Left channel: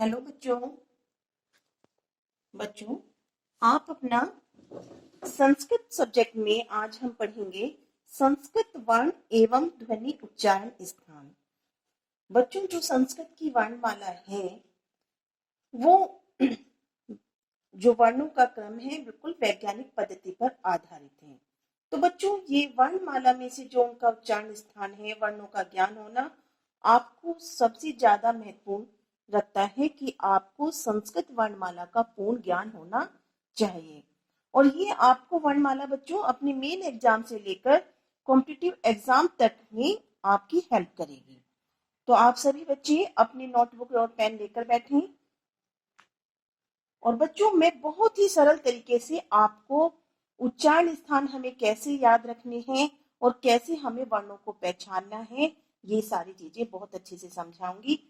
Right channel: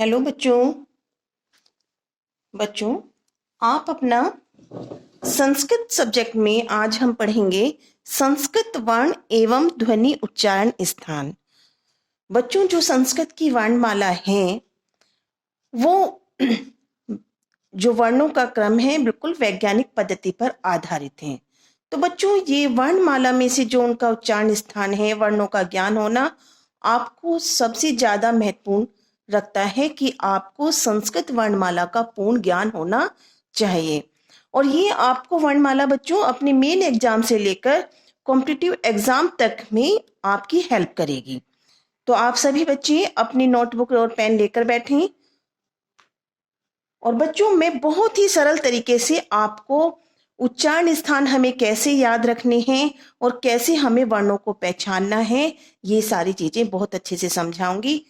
Hello बच्चों। बच्चों, आप अपना संस्कृत सब्जेक्ट में आज हम पढ़ेंगे संस्कृत वर्ण एवं ध्वनि उच्चारण स्थान। बच्चों, जो संस्कृत की वर्णमाला है वो जो वर्णों का क्रम है बिल्कुल वैज्ञानिक पद्धति पर आधारित है। तो बच्चों, ये वर्णमाला में से जो उनका उच्चारण स्थान है, वर्णों का ज्ञान होना आपको सबसे ज्यादा महत्वपूर्ण रखता है कि आपको संस्कृत वर्णमाला का पूर्ण ज्ञान होना चाहिए। और ये आपको वर्णमाला बच्चों अपने मेन एग्जाम से लेकर कॉम्पिटिटिव एग्जाम तक में आपकी हेल्प करेगी। तो आप सभी बच्चे अपनी नोटबुक और पेन लेकर बैठें। और बच्चों, मैं बहुत ही सरल तरीके से आपको उच्चारण स्थान हमें कैसे याद रखने हैं और कैसे हमें वर्णों को पहचानना है, ये सारी चीजें बहुत अच्छे से समझाऊंगी।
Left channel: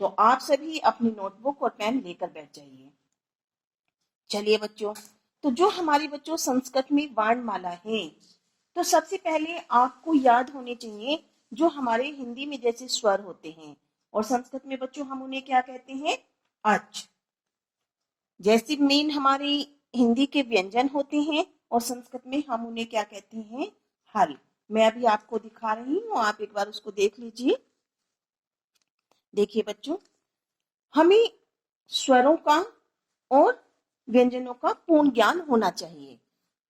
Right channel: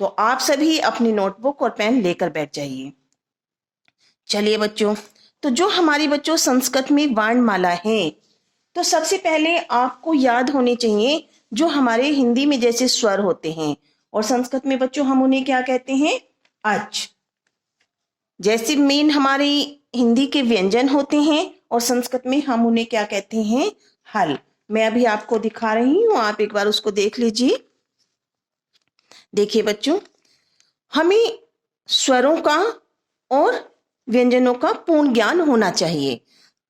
तो आप सभी अपनी नोटबुक और पेन लेकर बैठ जाइए। चलिए बच्चों, तो जो हमारी बच्चों संस्कृत में वर्णमाला है, तो सबसे पहले आपको याद होने चाहिए जो हमारे हिंदी में जैसे स्वर होते हैं और संस्कृत में बच्चों हम उन्हें क्या कहते हैं, अच। जैसे मेन हमारी हिंदी के व्यंजन होते हैं और संस्कृत में हम उन्हें क्या कहते हैं, हल। मैं अभी आपको दिखा रही हूं, आप एक बार उसको देख लीजिए। देखिए बच्चों, हमें स्वरों का और व्यंजनों का पूर्ण ज्ञान होना चाहिए,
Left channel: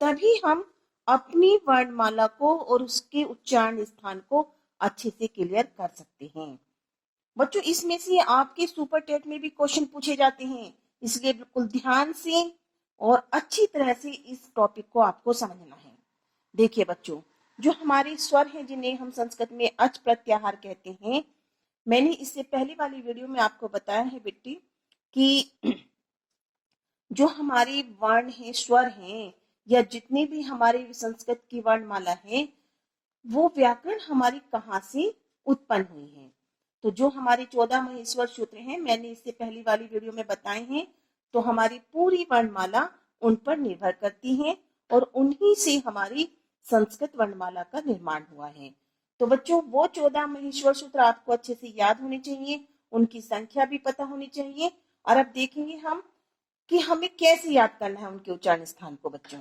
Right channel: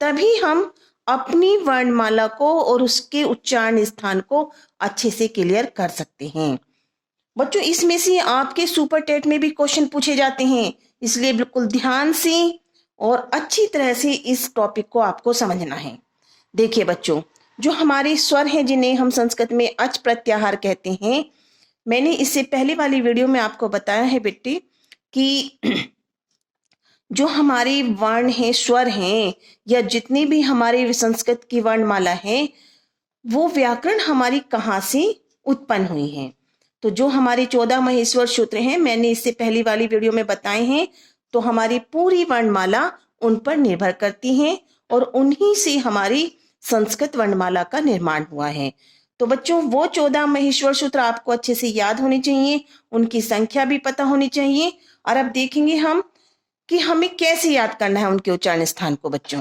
तभी हम अपनी वर्णमाला को और उसके उच्चारण स्थान को अच्छे से क्लियर कर सकते हैं। बच्चों, इसमें से आपके सुपर टेट में भी क्वेश्चन पूछे जाते हैं, इसलिए बिल्कुल ध्यान से और अच्छी तरह से इस टॉपिक को आपको समझना है। देखिए बच्चों, जो हमारे स्वर हैं जिन्हें हम संस्कृत में अच प्रत्याहार कहते हैं, मैंने इससे पहले वाली वीडियो में आपको बताया है बेटी कि जो हमारे वर्ण हैं, स्वर हैं, या जितनी भी हमारे संस्कृत की वर्णमाला है, वो व्याकरण हमारी कहाँ से उत्पन्न हुई है। तो जो हमारे 14 महेश्वर सूत्र हैं, मैंने इससे पहली वाली वीडियो में बताए हैं, तो हमारी पूरी वर्णमाला उन पर निर्भर करती है और उन्हीं से हमारी संस्कृत वर्णमाला का निर्माण हुआ है। तो बच्चों, वो 14 महेश्वर सूत्र आपको अच्छे से याद होने चाहिए, उनकी संख्या भी पता होनी चाहिए। और अब देखेंगे हम कि हमें कैसे याद करना है उनके उच्चारण स्थान को। बच्चों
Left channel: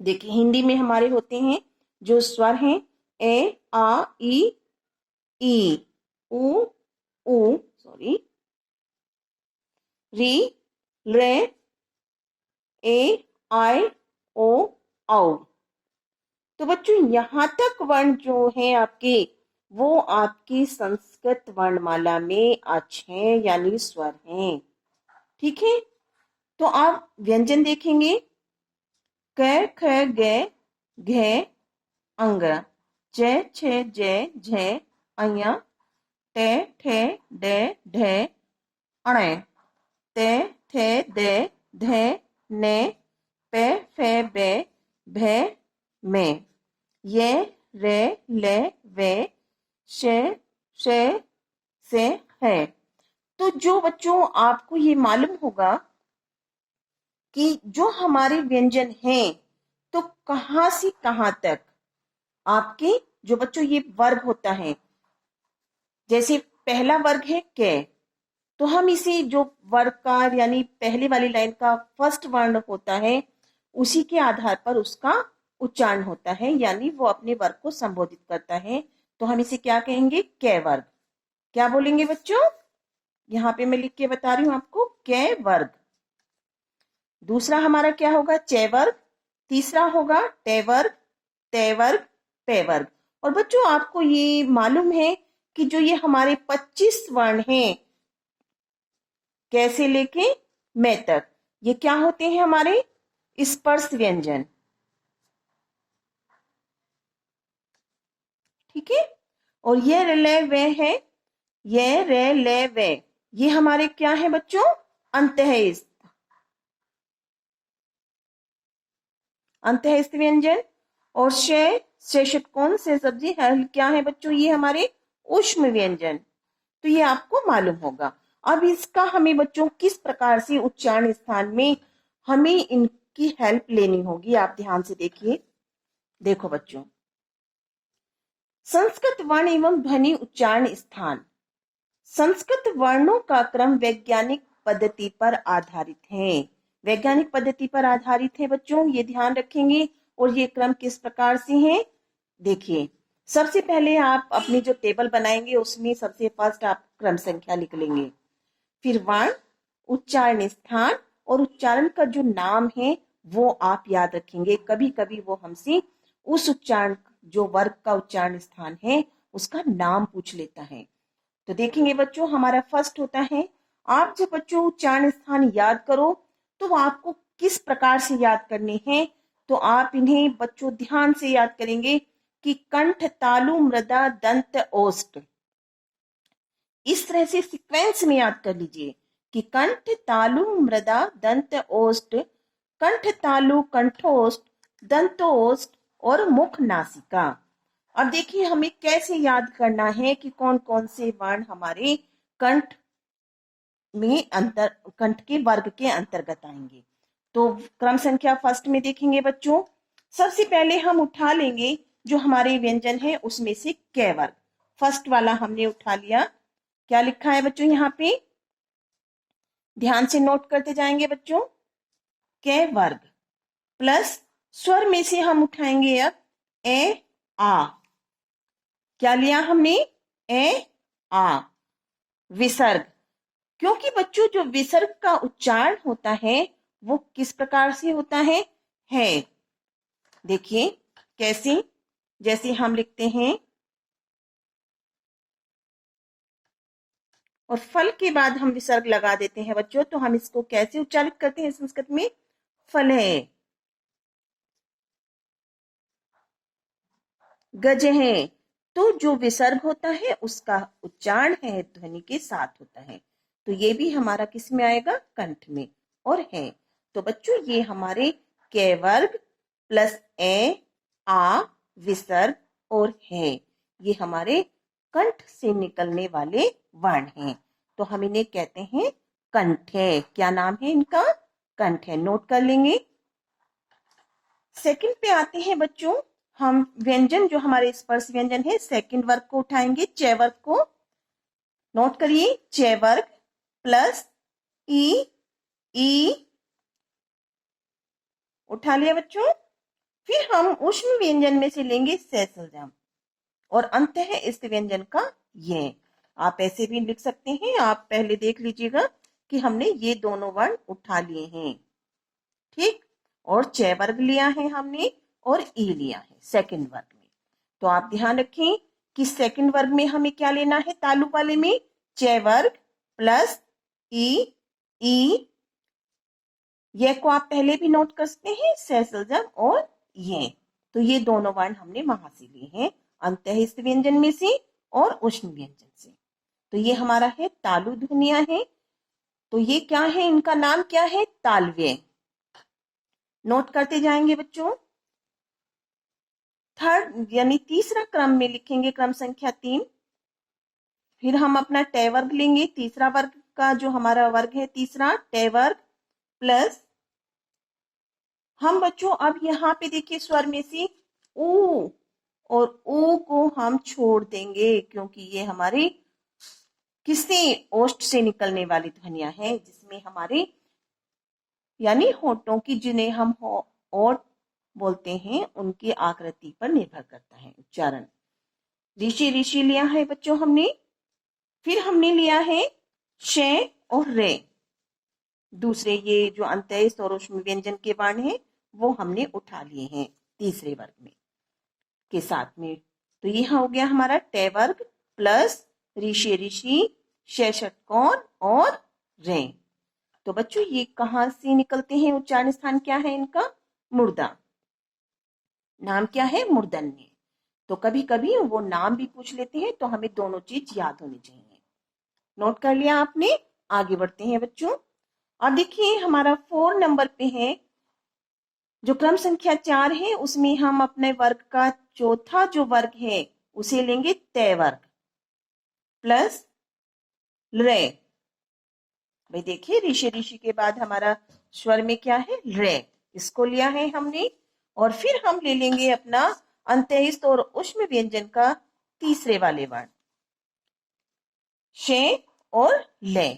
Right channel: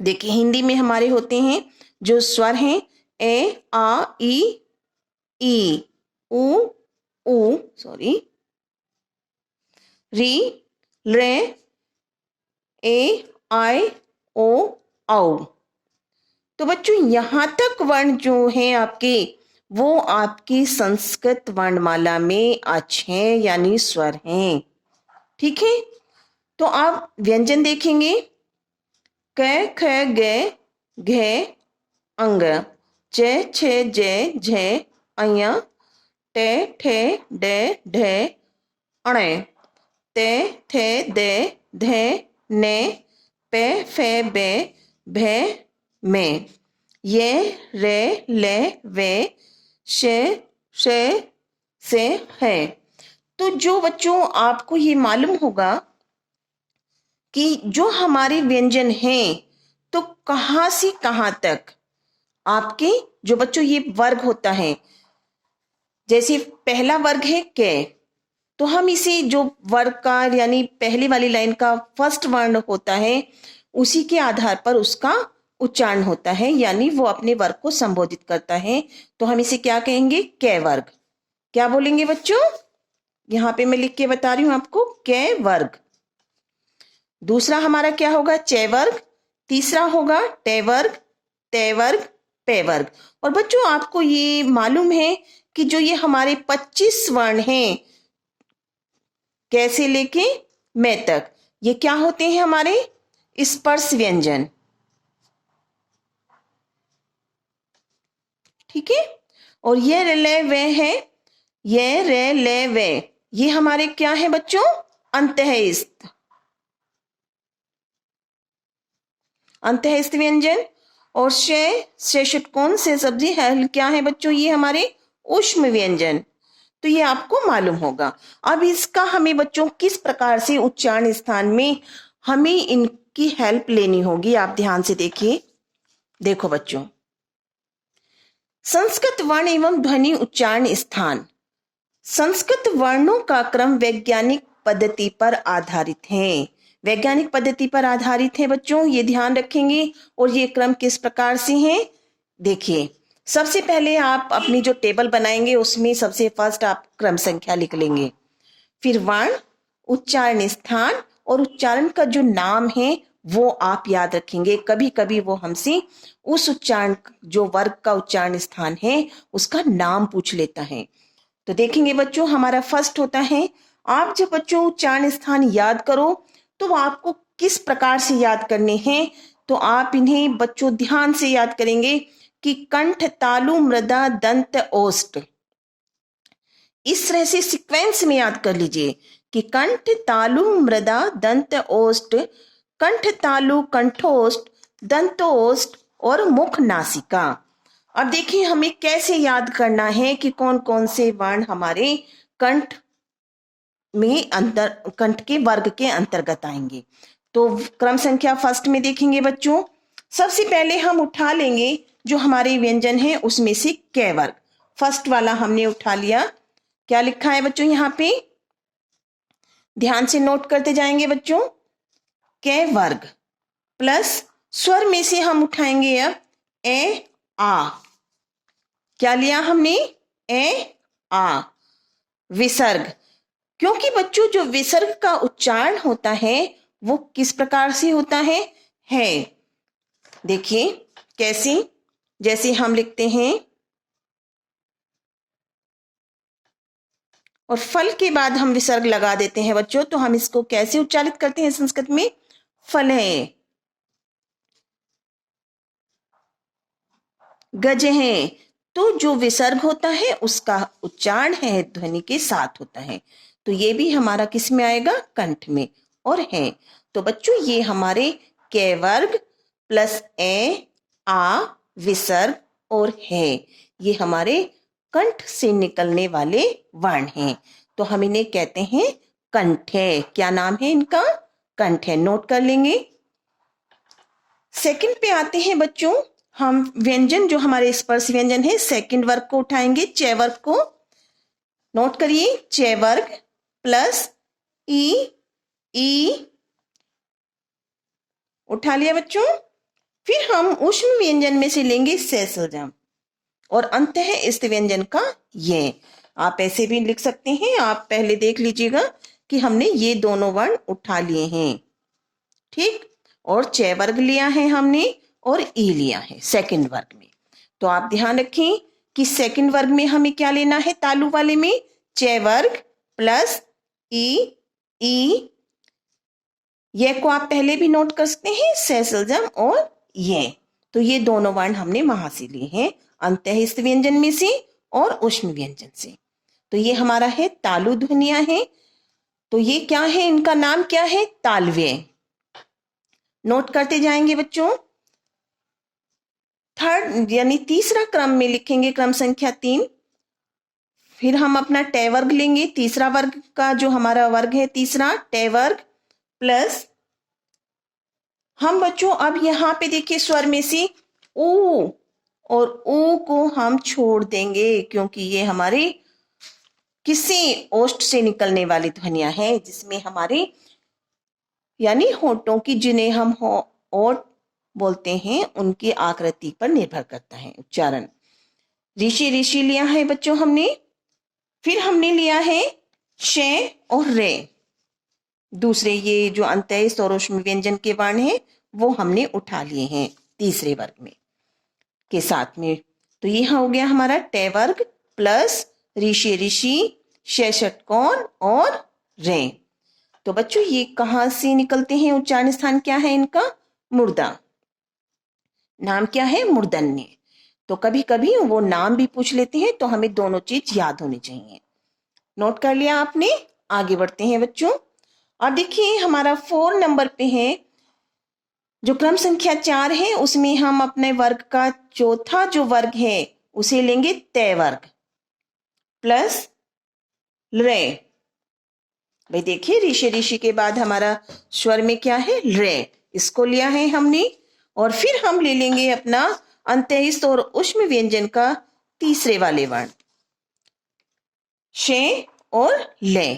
देखिए, हिंदी में हमारे होते हैं जो स्वर हैं, ए आ ई उ सॉरी, री रे ए आई ओ औ। तो बच्चों, यहां तक वर्ण जो हैं आपके, वो आपकी संस्कृत वर्णमाला में अच हैं, यानी स्वर हैं। ठीक है, तो आप व्यंजन देखेंगे, क ख ग घ अंग, च छ ज झ अय, टे ठे डे ढे अणे, ते थे दे धे ने, पे फे बे भे में, ये रे ले वे शे शे से है। तो जो बच्चों आपको ये मालूम होगा कि जो हमारे व्यंजन हैं, तो कहाँ से कहाँ तक आपके जो बच्चों ये वर्ग होता है, जैसे पहला वर्ग है के, तो हम इसी जो वर्ग का यानी पहली वाली लाइन का फर्स्ट वर्ण होता है, उसी के आधार पर उसका उच्चारण होता है, यानी वो अपने वर्ग को संबोधित करता है। तो हम इसे क्या कहेंगे, कै वर्ग। क्या बोलेंगे बच्चों, यहाँ पे मैं लिख के बता रही हूं आपको, कै वर्ग। दूसरा हमारा क्या होगा, चे वर्ग। तीसरा होगा टे वर्ग, ते वर्ग, पे वर्ग। और बच्चों, आपको ये मालूम है कि जो ये हमारे 25 वर्ण हैं, कैसे लेके मैं तक, ये क्या होते हैं, हमारे स्पर्श व्यंजन। ठीक है, और ये रे वे है, ये रे ले वे, ये हमारे क्या है बच्चों, अंतःस्थ अंतःस्थ व्यंजन। और से षटकोण से सब्जी है, क्या है बच्चों, ये हमारे ऊष्म व्यंजन। तो ये आपको मालूम होगा। अब इसका हमें बच्चों किस प्रकार से उच्चारण स्थान में हमें इनकी हेल्प लेनी होगी, आप ध्यान से देखिए। देखो बच्चों, संस्कृत वर्ण एवं ध्वनि उच्चारण स्थान संस्कृत वर्णों का क्रम वैज्ञानिक पद्धति पर आधारित है। वैज्ञानिक पद्धति पर आधारित है बच्चों, ये ध्यान रखेंगे। और ये क्रम किस प्रकार से है, देखिए सबसे पहले आप अपनी जो टेबल बनाएंगे उसमें सबसे फर्स्ट आप क्रम संख्या लिख लेंगे, फिर वर्ण, उच्चारण स्थान और उच्चारण का जो नाम है वो आप याद रखेंगे। कभी कभी वो हमसे उस उच्चारण जो वर्ग का उच्चारण स्थान है उसका नाम पूछ लेता है। तो देखेंगे बच्चों, हमारा फर्स्ट होता है, आप जब बच्चों उच्चारण स्थान याद करो तो आपको किस प्रकार से याद करने हैं, तो आप इन्हें बच्चों ध्यान से याद करेंगे कि कंठ, तालु, मृदा, दंत, ओष्ठ, इस तरह से सीक्वेंस में याद कर लीजिए कि कंठ, तालु, मृदा, दंत, ओष्ठ, कंठ, तालु, कंठोष्ठ, दंतोष्ठ और मुख, नासिका। अब देखिए हमें कैसे याद करना है कि कौन कौन से वर्ण हमारे कंठ में कंठ के वर्ग के अंतर्गत आएंगे। तो क्रम संख्या फर्स्ट में देखेंगे बच्चों, सबसे पहले हम उठा लेंगे जो हमारे व्यंजन है उसमें से कै वर्ग। फर्स्ट वाला हमने उठा लिया, क्या लिखा है बच्चों यहाँ पे, ध्यान से नोट करते जाएंगे बच्चों, कै वर्ग प्लस स्वर में से हम उठाएंगे अब ए आ, क्या लिया हमने, ए आ, विसर्ग, क्योंकि बच्चों जो विसर्ग का उच्चारण होता है वो किस प्रकार से होता है। देखिए कैसे, जैसे हम लिखते हैं और फल के बाद हम विसर्ग लगा देते हैं बच्चों, तो हम इसको कैसे उच्चारित करते हैं संस्कृत में, फल है, गज है। तो जो विसर्ग होता है उसका उच्चारण है ध्वनि के साथ होता है, तो ये भी हमारा किस में आएगा, कंठ में और है। तो बच्चों ये हमारे कै वर्ग प्लस ए आ विसर्ग और है, ये हमारे कंठ से निकलने वाले वर्ण हैं, तो हम इन्हें कहते हैं कंठ है। क्या नाम है इनका, कंठ है, नोट कर लेंगे। सेकंड पे आते हैं बच्चों, हम व्यंजन जो हमारे स्पर्श व्यंजन है सेकंड वर्ग को उठाएंगे, च वर्ग को, नोट करिए, च वर्ग प्लस ई उठा लिया बच्चों। फिर हम ऊष्म व्यंजन में से लेंगे सैसलजम और अंत है इस व्यंजन का ये। आप ऐसे भी लिख सकते हैं, आप पहले देख लीजिएगा कि हमने ये दोनों वर्ण उठा लिए हैं, ठीक, और च वर्ग लिया है हमने और ई लिया है सेकंड वर्ग में। तो आप ध्यान रखें कि सेकंड वर्ग में हमें क्या लेना है, तालु वाले में च वर्ग प्लस ई, ये को आप पहले भी नोट कर सकते हैं, सैसलजम और ये, तो ये दोनों वर्ण हमने वहां से लिए हैं, अंतःस्थ व्यंजन में से और ऊष्म व्यंजन से। तो ये हमारा है तालु ध्वनियां हैं, तो ये क्या है, इनका नाम क्या है, तालव्य, नोट करते जाएंगे बच्चों। थर्ड यानी तीसरा क्रम में लिखेंगे क्रम संख्या 3, फिर हम अपना टे वर्ग लेंगे, तीसरा वर्ग का जो हमारा वर्ग है तीसरा टे वर्ग प्लस हम बच्चों अब यहाँ पे देखिए स्वर में से ऊ और ऊ को हम छोड़ देंगे, क्योंकि ये हमारी किसी ओष्ठ से निकलने वाली ध्वनियां हैं जिसमें हमारे यानी होठों की, जिन्हें हम ओठ बोलते हैं, उनकी आकृति पर निर्भर करता है उच्चारण। ऋषि लिया है बच्चों हमने, फिर हमने लिया है श और रे, दूसरे ये जो अंत्यस्थ और ऊष्म व्यंजन के वर्ण हैं वो हमने उठा लिए हैं तीसरे वर्ग में के साथ में। तो ये हो गया हमारा टे वर्ग प्लस ऋषि, षटकोण और रे। तो बच्चों ये कहां से निकलते हैं, उच्चारण स्थान क्या है इनका, मुर्दा, नाम क्या है, मूर्धन्य। तो कभी कभी वो नाम भी पूछ लेते हैं, तो हमें दोनों चीज याद होनी चाहिए। नोट कर लिया आपने, आगे बढ़ते हैं बच्चों। और देखिए हमारा 4 नंबर पे है, जो क्रम संख्या 4 है उसमें हम अपने वर्ग का चौथा जो वर्ग है उसे लेंगे तय वर्ग प्लस रे। भाई देखिए ऋषि के बाद हमारा स्वर में क्या है, रे, इसको लिया है हमने, और फिर हम ले लेंगे अपना अंत्यस्थ और ऊष्म व्यंजन का तीसरे वाले वर्ण, शे और ले।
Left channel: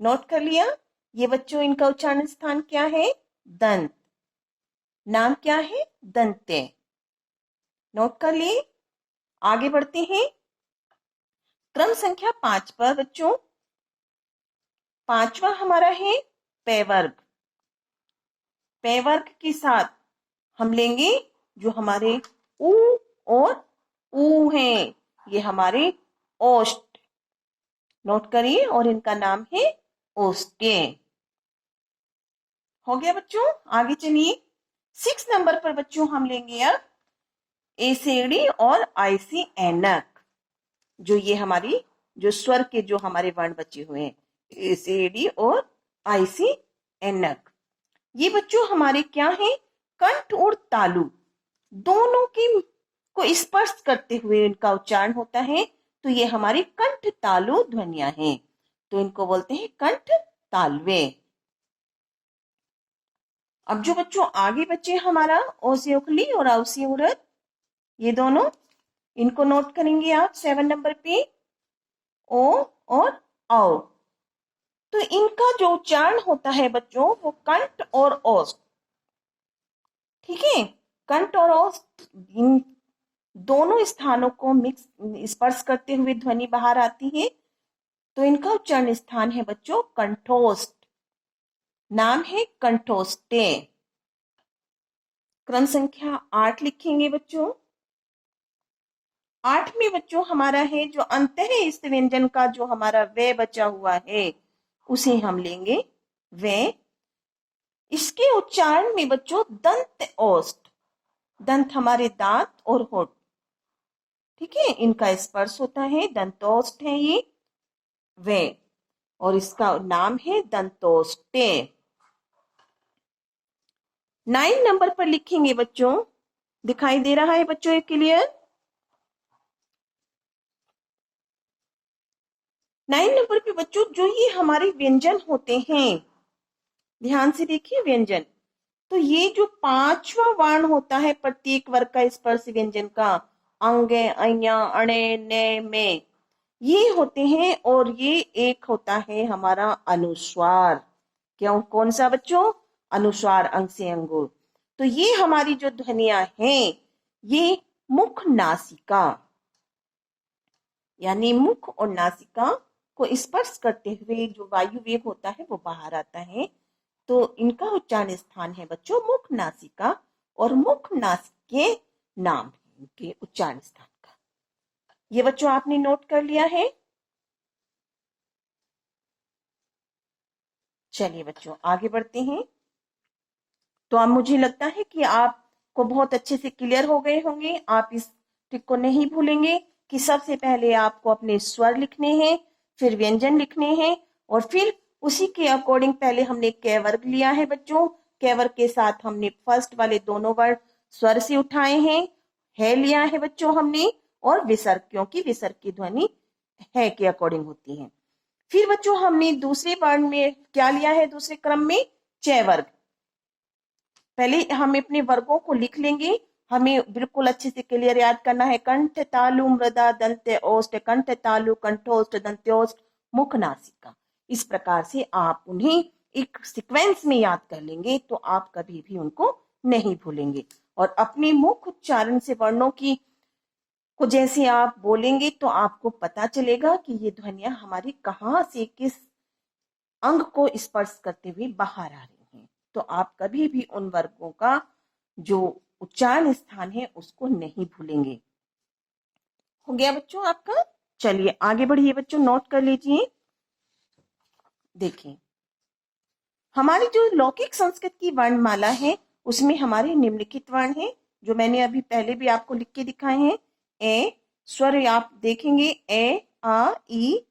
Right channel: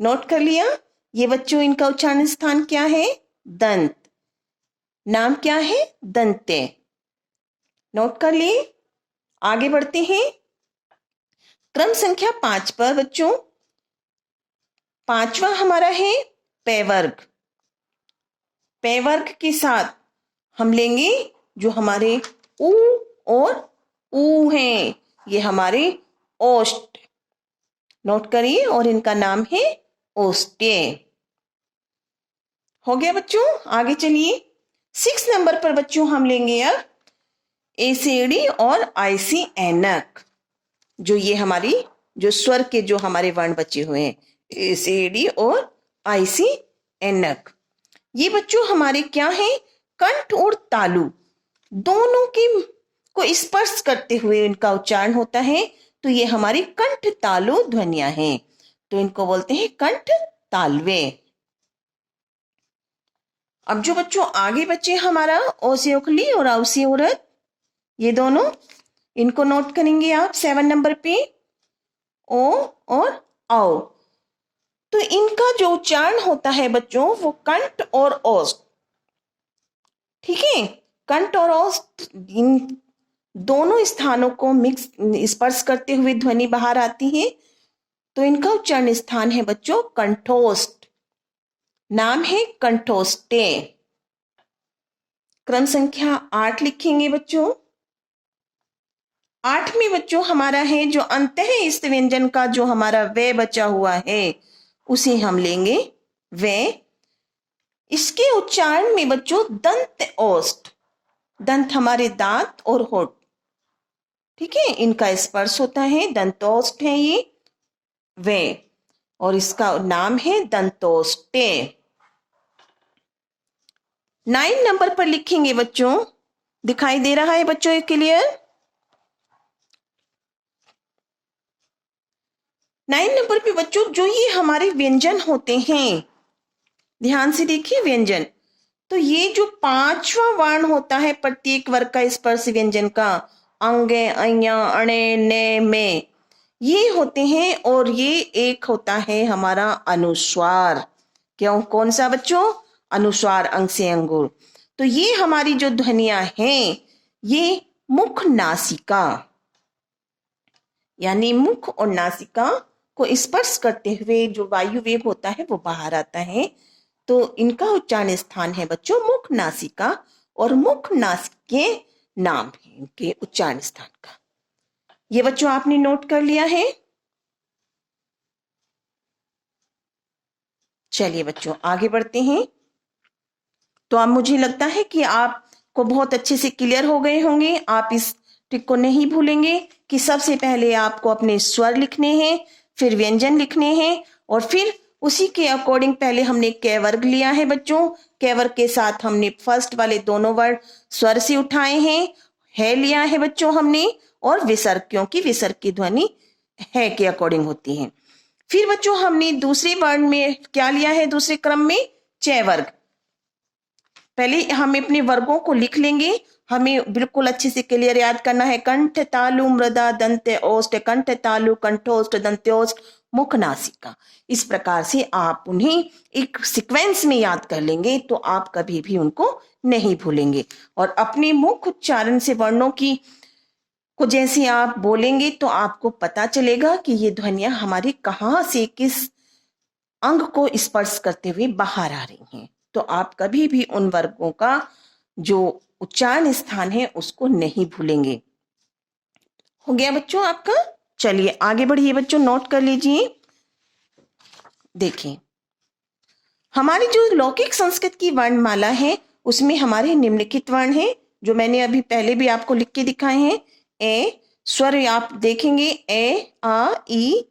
नोट कर लिया? ये बच्चों इनका उच्चारण स्थान क्या है? दंत। नाम क्या है? दंते। नोट कर लिए? आगे बढ़ते हैं क्रम संख्या 5 पर बच्चों। पांचवा हमारा है पैवर्ग। पैवर्ग के साथ हम लेंगे जो हमारे ऊ और ऊ हैं, ये हमारे ओष्ठ। नोट करिए, और इनका नाम है ओष्ठ्य। हो गया बच्चों? आगे चलिए 6 नंबर पर बच्चों हम लेंगे अब एसेडी और आईसी ऐनक। जो ये हमारी जो स्वर के जो हमारे वर्ण बचे हुए हैं, एसेडी और आईसी ऐनक। ये बच्चों हमारे क्या है? कंठ और तालु दोनों की को स्पर्श करते हुए इनका उच्चारण होता है, तो ये हमारी कंठ तालु ध्वनियां हैं, तो इनको बोलते हैं कंठ तालवे। अब जो बच्चों आगे बचे हमारा ओसियोखली और औसियोरत, ये दोनों, इनको नोट करेंगे आप 7 नंबर पे, ओ और औ। तो इनका जो उच्चारण होता है बच्चों वो कंठ और ओष्ठ। ठीक है, कंठ और ओष्ठ इन दोनों स्थानों को मिक्स स्पर्श करते हुए ध्वनि बाहर आती है, तो इनका उच्चारण स्थान है बच्चों कंठोष्ठ। नाम है कंठोष्टे। क्रम संख्या 8 लिखेंगे बच्चों। 8 में बच्चों हमारा है जो अंतः इस व्यंजन का जो हमारा वे बचा हुआ है उसे हम लेंगे वे। इसके उच्चारण में बच्चों दंत ओष्ठ, दंत हमारे दांत और होठ, ठीक है, इनका स्पर्श होता है, दंतोष्ठ है ये वे, और इसका नाम है दंतोष्टे। 9 नंबर पर लिखेंगे बच्चों। दिखाई दे रहा है बच्चों ये क्लियर? 9 नंबर पे बच्चों जो ये हमारे व्यंजन होते हैं, ध्यान से देखिए व्यंजन, तो ये जो 5वां वर्ण होता है प्रत्येक वर्ग का स्पर्श व्यंजन का, अंगे अया अणे ने में, ये होते हैं, और ये एक होता है हमारा अनुस्वार। क्यों? कौन सा बच्चों? अनुस्वार, अंग से अंगुर। तो ये हमारी जो ध्वनियां हैं, ये मुख नासिका यानी मुख और नासिका को स्पर्श करते हुए जो वायु वेग होता है वो बाहर आता है, तो इनका उच्चारण स्थान है बच्चों मुख नासिका, और मुख नासिक के नाम है इनके उच्चारण स्थान का। ये बच्चों आपने नोट कर लिया है? चलिए बच्चों आगे बढ़ते हैं। तो अब मुझे लगता है कि आपको बहुत अच्छे से क्लियर हो गए होंगे। आप इस ट्रिक को नहीं भूलेंगे कि सबसे पहले आपको अपने स्वर लिखने हैं, फिर व्यंजन लिखने हैं, और फिर उसी के अकॉर्डिंग पहले हमने कै वर्ग लिया है बच्चों। कै वर्ग के साथ हमने फर्स्ट वाले दोनों वर्ड स्वर से उठाए हैं, है लिया है बच्चों हमने, और विसर्ग, क्योंकि विसर्ग की ध्वनि है के अकॉर्डिंग होती है। फिर बच्चों हमने दूसरे वर्ण में क्या लिया है? दूसरे क्रम में चय वर्ग। पहले हम अपने वर्गों को लिख लेंगे, हमें बिल्कुल अच्छे से क्लियर याद करना है। कंठ तालु मृदा दंत ओष्ठ, कंठ तालु कंठोष्ठ दंत्योष्ठ मुख नासिका। इस प्रकार से आप उन्हें एक सीक्वेंस में याद कर लेंगे, तो आप कभी भी उनको नहीं भूलेंगे। और अपने मुख उच्चारण से वर्णों की को जैसे आप बोलेंगे तो आपको पता चलेगा कि ये ध्वनियां हमारी कहाँ से किस अंग को स्पर्श करते हुए बाहर आ रही हैं। तो आप कभी भी उन वर्गों का जो उच्चारण स्थान है उसको नहीं भूलेंगे। हो गया बच्चों आपका? चलिए आगे बढ़िए बच्चों, नोट कर लीजिए। देखिए हमारी जो लौकिक संस्कृत की वर्णमाला है उसमें हमारे निम्नलिखित वर्ण हैं, जो मैंने अभी पहले भी आपको लिख के दिखाए हैं। ए स्वर आप देखेंगे, ए आ ई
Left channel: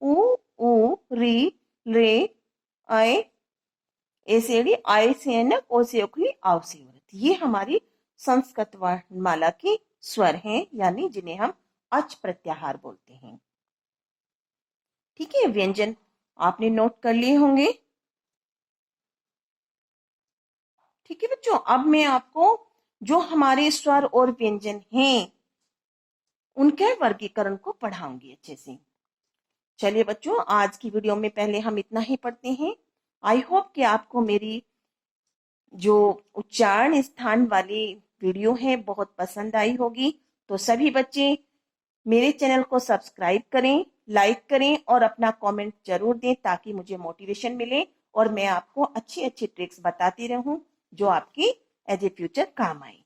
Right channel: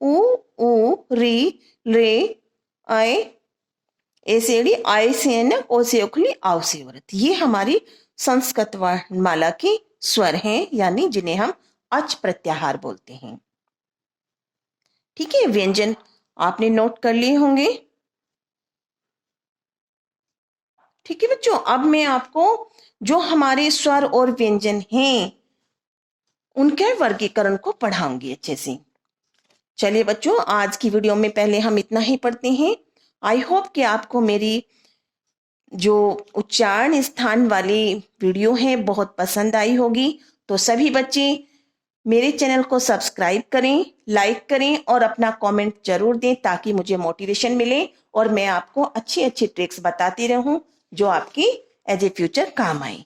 उ री रे आय एसेडी आयसेन ओसेओखली आवसेवरत, ये हमारी संस्कृत वर्णमाला के स्वर हैं, यानी जिन्हें हम अच प्रत्याहार बोलते हैं। ठीक है, व्यंजन आपने नोट कर लिए होंगे। ठीक है बच्चों, अब मैं आपको जो हमारे स्वर और व्यंजन हैं उनके वर्गीकरण को पढ़ाऊंगी अच्छे से। चलिए बच्चों, आज की वीडियो में पहले हम इतना ही पढ़ते हैं। आई होप कि आपको मेरी जो उच्चारण स्थान वाली वीडियो है बहुत पसंद आई होगी। तो सभी बच्चे मेरे चैनल को सब्सक्राइब करें, लाइक करें और अपना कमेंट जरूर दें ताकि मुझे मोटिवेशन मिले और मैं आपको अच्छी अच्छी ट्रिक्स बताती रहूं जो आपकी एज ए फ्यूचर काम आए।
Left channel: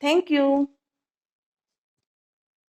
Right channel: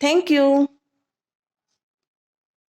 Thank you.